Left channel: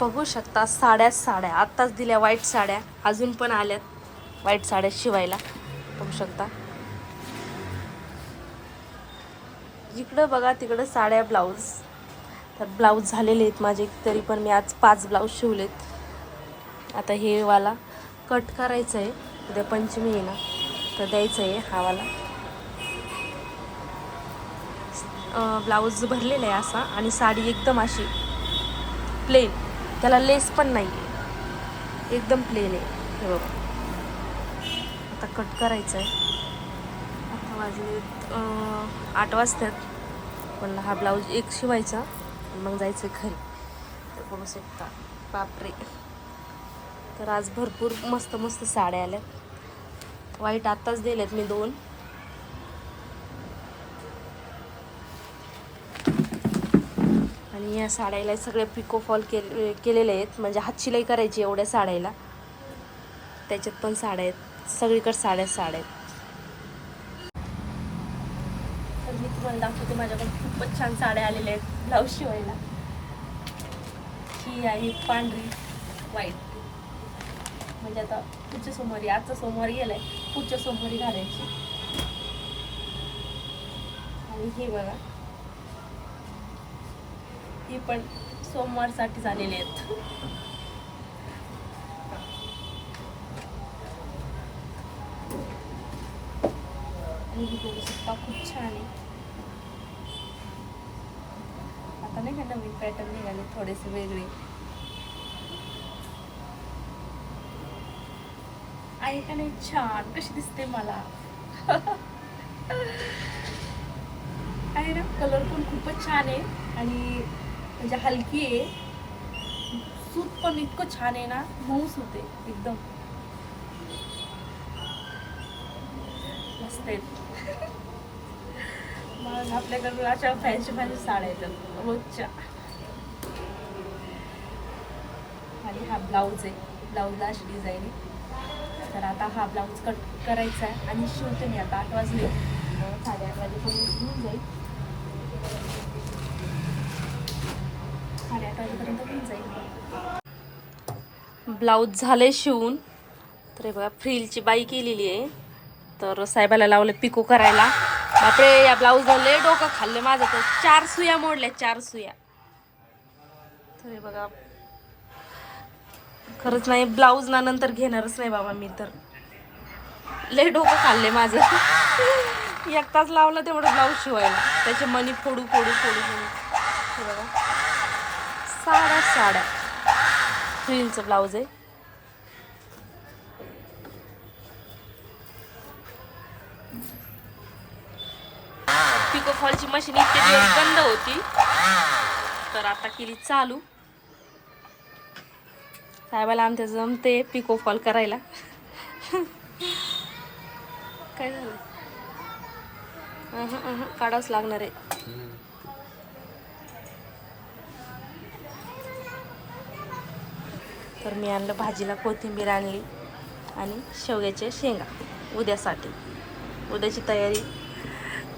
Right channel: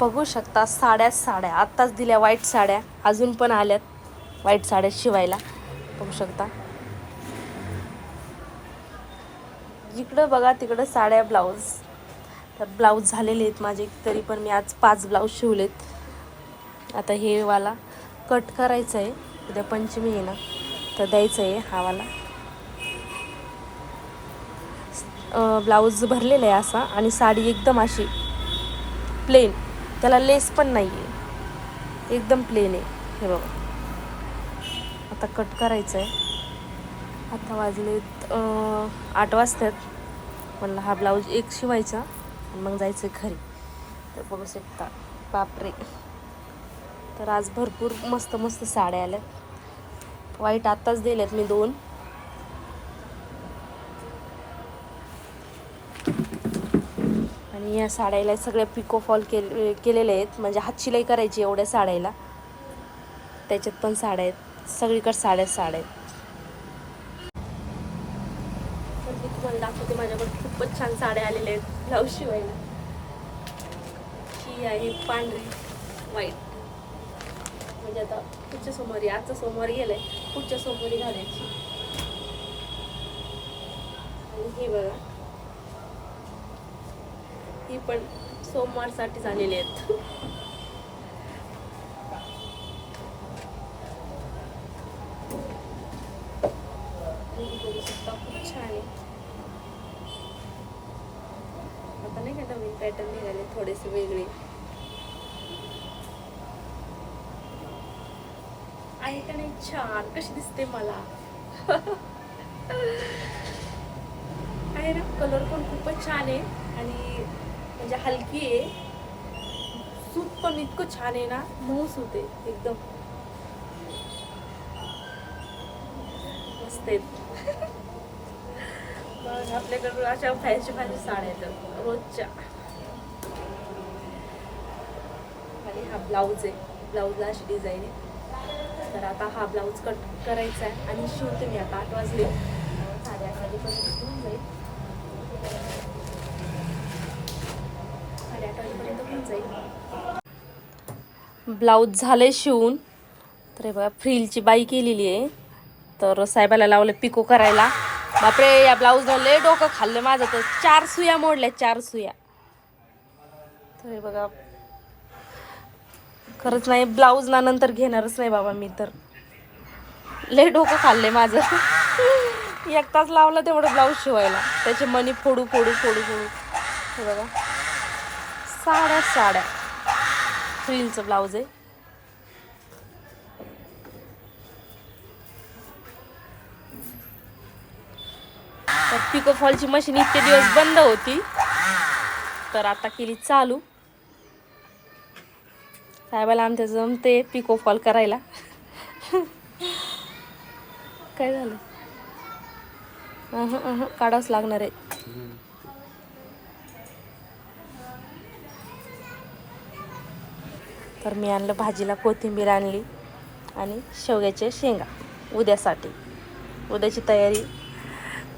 बघू शकता साड्या साड्या. आत्ताच दिल्या वाईट साड्या. अजून पण आल्यात वाईट साड्या शिवायला. बघू शकता. जिकडं बघा तिकडं साड्या ब्लाऊज तर ब्लाऊज झालेले आहेत माझे तरी पण मी आज पाच ब्लाऊज शिवलेत. आता हे वाला कट करायचं आहे उद्या पंचमी आहे ना तर द्यायचं आहे हा वाला. ब्लाऊज भरलेला आहे असा आणि साडी एकदम अशी प्लेन त्याला लेस पण नाही आहे एकदम प्लेन आहे. हे बघा. आता कट करायचं आहे आता वाजलेत आठ वाजतात. म्हणलं हा ब्लाऊज एक शिवायचा. आणि मग जायचं घरी. तर बघू शकता. बापरे. तर आज भरपूर मस्त मस्त साड्या आल्यात. वाईट आत्ताच दिल्यात मी दोन. आणि या साड्याला सगळे पिको फॉल केले केलेले आहेत. म्हणजे हातशिलाई करायची एवढ्या साड्याला. त्याच्यात पण साड्या आहेत. सगळीकडे साड्या साड्या आहेत. मी तुम्हाला दाखवते माझ्याकडे खूपच छान साड्या आलेल्या आहेत. ब्लाऊज शिवायला. ही आहे पांढरी व्हाईट म्हणजे आता पुढच्या सोमवारी आजचा सोमवारी गेलाय. पुढच्या सोमवारी घालायची. आणि हे बघा. ती पण सोमवारसाठी झालेली आहेत. बघू शकता खूप छान आहे. आता नाही का नवीन पॅटर्न निघाले थोडेसे वेगळे. आहे का नाही? छान. कशी दिसते मला. आहे ना? कलर पण खूपच छान आहे. आणि म्हणजे हलकी आहे. सूत पण इतकं छान आहे ना मऊ सूत आहे एकदम. मस्त आहेत मग आपल्याकडून अशा फॅन्सी फॅन्सी साड्या येतात रोजच्या. आणि हा ब्लाऊज आहे ब्लाऊजला अशी डिझाईन आहे. तर आता हा ब्लाऊज कट करायचा आहे आणि शिवते मी आता आठ वाजले. साडे आठ वाजेपर्यंत होऊन जाईल. साडेआठ वाजेपर्यंत होऊन जाईल. ब्लाऊज झाले शिवून. तर हे बघा फ्रीलची बाई केलेली आहे. तर साहेबाला लावलं पिको करायला. बापरे या ब्लाऊजला लय डोकं खाल्लं माझं तर. चार सुया मोडल्या चार सुया. तर हे बघा खरंच नाही ब्लाऊज ना नंतर घेणारच नाही बाबा मी तर. लय डोकं खाल्ले माझं. एक तास लावलं तेवढं ब्लाऊज शिवायला. त्याचे मनी फोडू फोडू फोडू फोडू. हे बघा. साड्या साड्या. फ्रिलचं ब्लाऊज आहे. पिको फॉलची मशीन इतके दिवस बंद होती. तर आता केली चालू. साहेबाला आमच्या जमते पिको फॉल करायला. काय झालं? काढावंच लागणार आहे. तर मी आणलं भाजीला कोथिंबीर आणली आणि शेवग्याच्या शेंगा उद्यासाठी. उद्याची तयारी.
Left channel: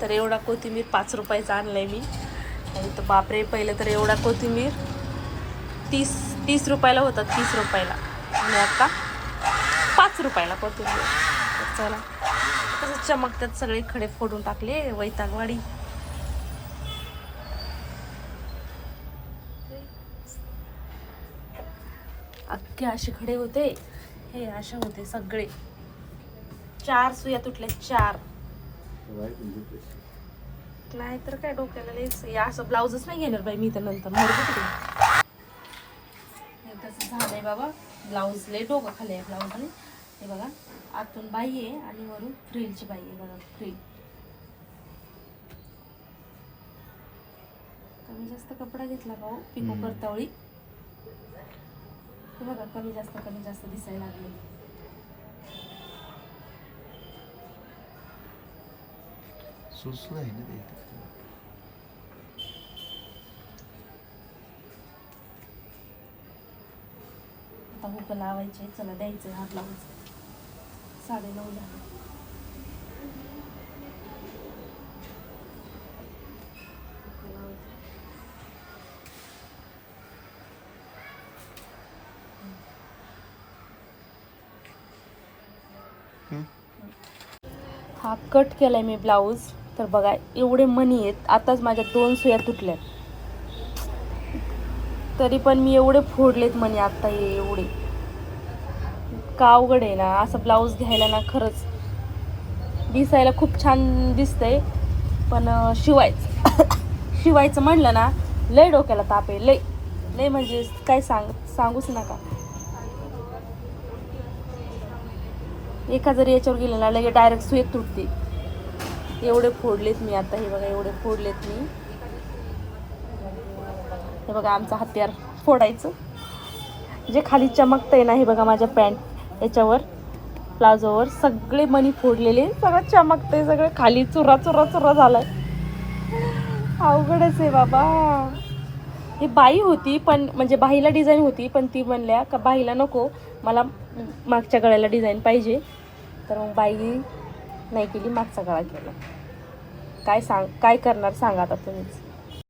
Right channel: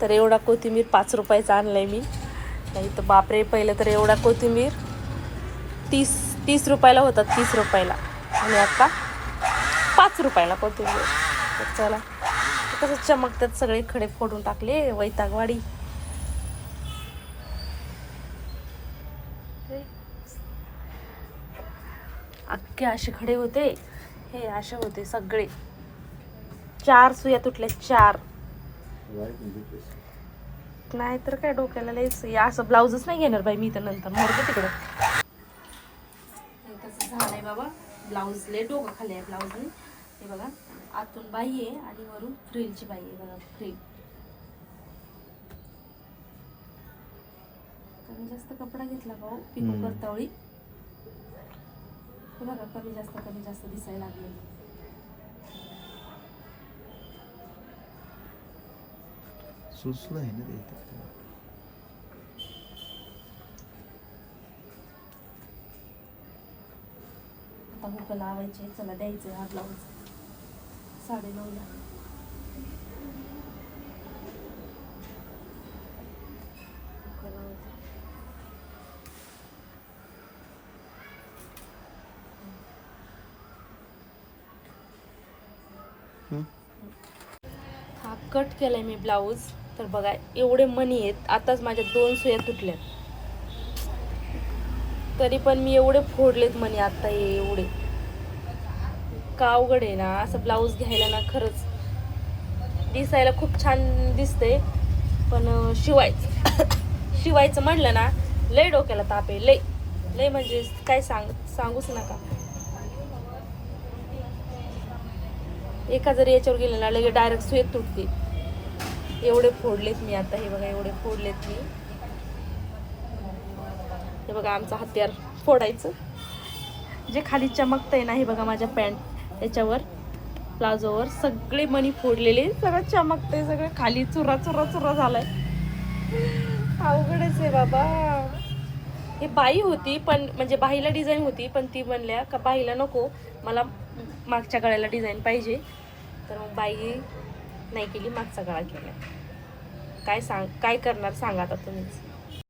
तर एवढा कोथिंबीर पाच रुपयाचा आणलाय मी. नाही तर बापरे पहिलं तर एवढा कोथिंबीर तीस तीस रुपयाला होता तीस रुपयाला. आणि आता पाच रुपयाला कोथिंबीर. तर चला. कसं चमकतात सगळे खडे फोडून टाकले वैतागवाडी. अख्खे असे खडे होते. हे असे होते सगळे. चार सुया तुटल्या चार. नाही तर काय डोक्याला लयच हे असं ब्लाऊजच नाही घेणार बाई मी तर नंतर. मोरबो तिकडे हे तसं झालंय बाबा. ब्लाऊज लय डोकं खाली आहे ब्लाऊजने. हे बघा आतून बाई आहे आणि वरून फ्रिलची बाई आहे बघा फ्रिल. कमी जास्त कपडा घेतला का हो? पिको. करतावळी. हे बघा कमी जास्त कमी जास्त दिसायला लागले. सुसलं आहे ना ते आता हुक लावायचे चला द्यायचे हा ब्लाऊज साडे नऊला हुकं लावायचे. हा कट केलाय मी ब्लाऊज. तर बघा एवढे मणी आहेत. आताच माझ्या दोन सुया तुटल्यात. तरी पण मी एवढे फोडलेत मणी आता हे एवढे. का अवघड आहे ना? असं ब्लाऊज घ्यायला ना खरंच दिसायला खूप छान दिसतंय. पण शिवायचं. शिवायचं म्हणलं ना लय डोक्याला ताप आहे. लय. लय म्हणजे काय सांग सांगूच नका. एका जरी याच्यावर गेलं ना लगे डायरेक्ट सुयत तुटते. एवढे फोडलेत मी आता हे बघा एवढे फोडलेत मी. हे बघा आमचं हत्यार फोडायचं. जे खाली चमकतंय ना हे बघा माझ्या पॅन्ट याच्यावर प्लाझोवर सगळे मणी फोडलेले सगळं चमकतंय सगळं खाली चुरा चुरा चुरा झालाय. अवघडच आहे बाबा. ही बाई होती पण म्हणजे बाईला डिझाईन होती पण ती म्हणल्या का बाईला नको मला मागच्या गळ्याला डिझाईन पाहिजे. तर मग बाई नाही केली मागचा काळा केली. काय सांग काय करणार सांगा आता तुम्हीच.